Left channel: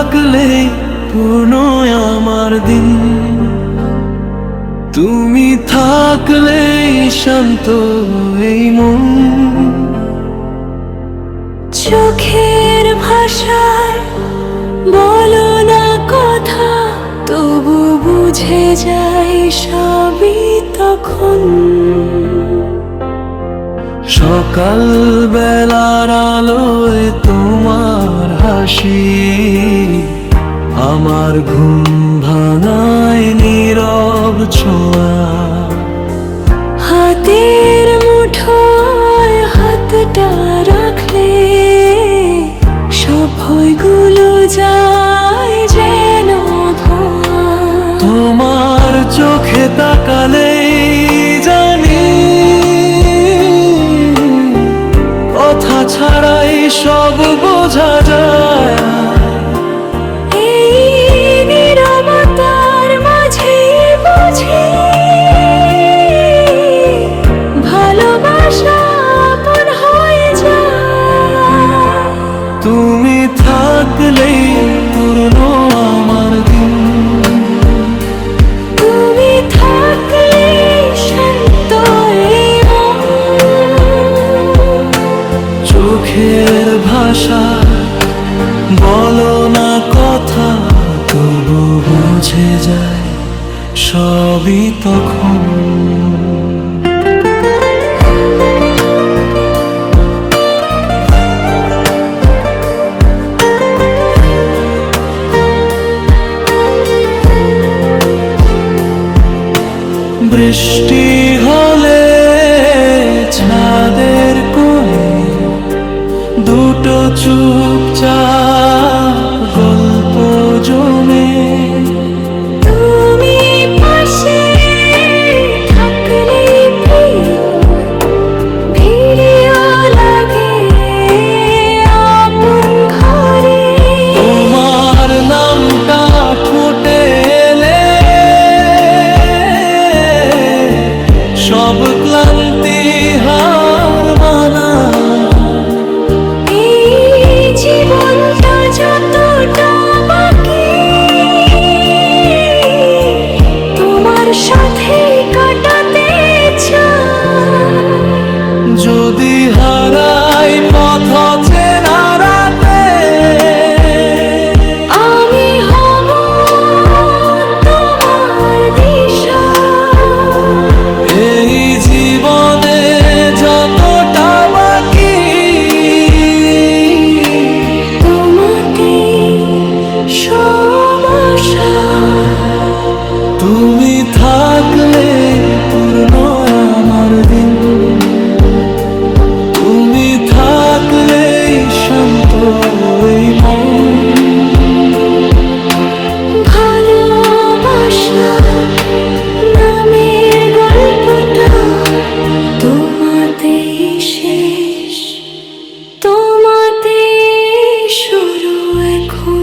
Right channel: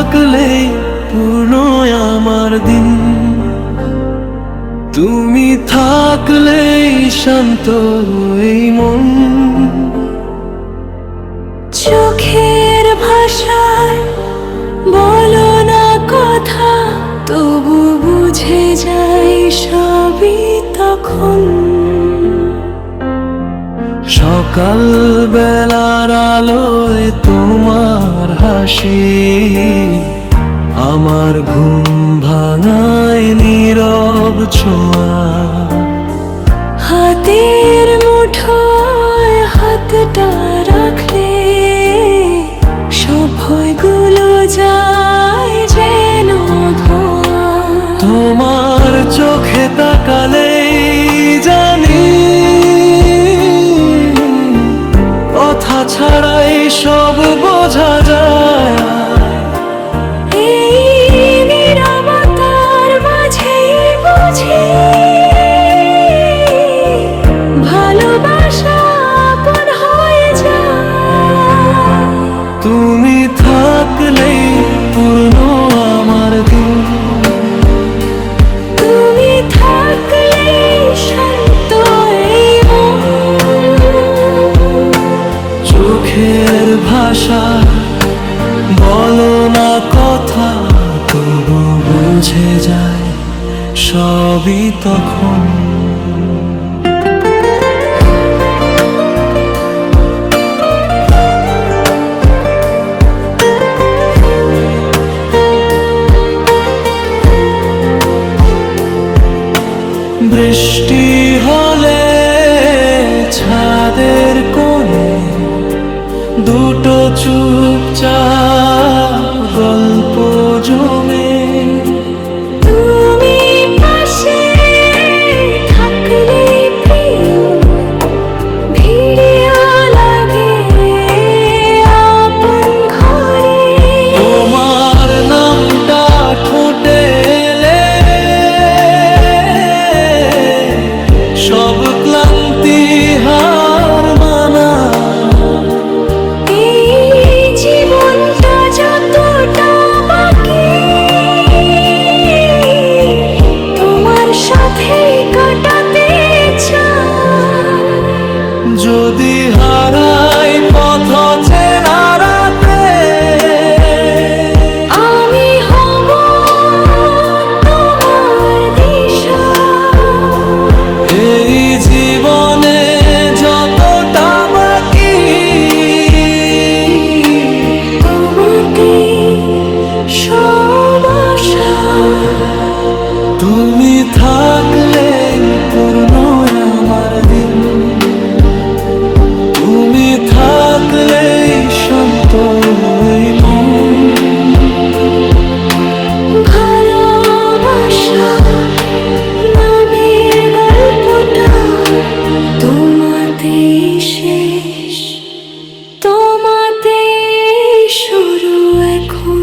থাকলেই পূর্ণ আমার দিন, তুমি থাকলেই শান্ত এই মন। চোখের ভাষায় বলো না কথা, তবু বুঝে যাই সবই তখন। সকাল বেলার আলোয় তোমার হাসি আমার ঘুম ভাঙায় নীরব ছোঁয়া। হাতের মুঠোয় হাতটা রাখলে সব ভয়গুলো যায় যেন ধোঁয়া। তোমার চোখে তাকালেই জানি কথা ছাড়াই সব বোঝা যায়। এই নীরবতার মাঝেই বুঝি ভালোবাসা আপন হয়ে যায়। তুমি থাকলেই পূর্ণ আমার দিন, তুমি থাকলেই শান্ত এই মন। চোখের ভাষায় বলো না কথা, তবু বুঝে যায় সবই তখন। বৃষ্টি হলে ছাদের কোণে দুটো চুপচাপ গল্প জমে। তুমি পাশে থাকলে প্রিয় ভিড়িও লাগে আপন ঘরে। তোমার নামটা ঠোঁটে এলে সব ক্লান্তি হার মানা। এই জীবনটা যতটা বাকি তোমার সাথেই কাটাতে চাই। যদি হারাই পথ চেনা রাতে, আমি হব তোমার দিশা। এই জীবনে যতটা বাকি তোমাতেই সব আশা। তুমি থাকলে পূর্ণ আমার দিন, তুমি থাকলেই শান্ত এই মন। ভালোবাসা নামের গল্পটা তোমাতেই শেষ, তোমাতেই শুরু এখন।